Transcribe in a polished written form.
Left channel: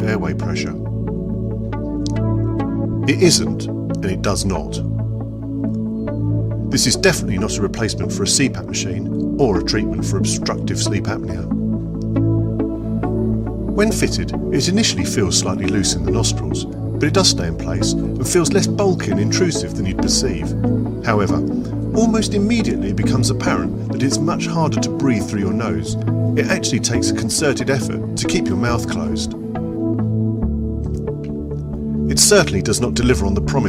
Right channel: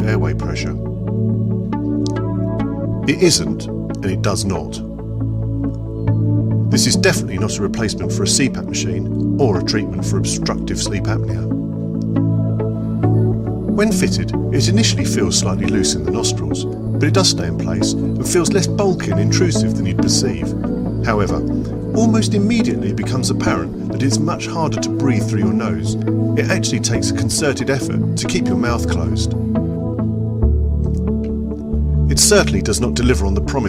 safe airway pressure. It isn't, and it does not. This is definitely not a replacement for a CPAP machine or a treatment for obstructive sleep apnea. When fitted, it initially feels slightly loose in the nostrils, but it does stay in place and feels less bulky and intrusive than you'd perceive. However, almost immediately it becomes apparent that it's much harder to breathe through your nose. It actually takes a concerted effort to keep your mouth closed. It certainly does not deliver on the promise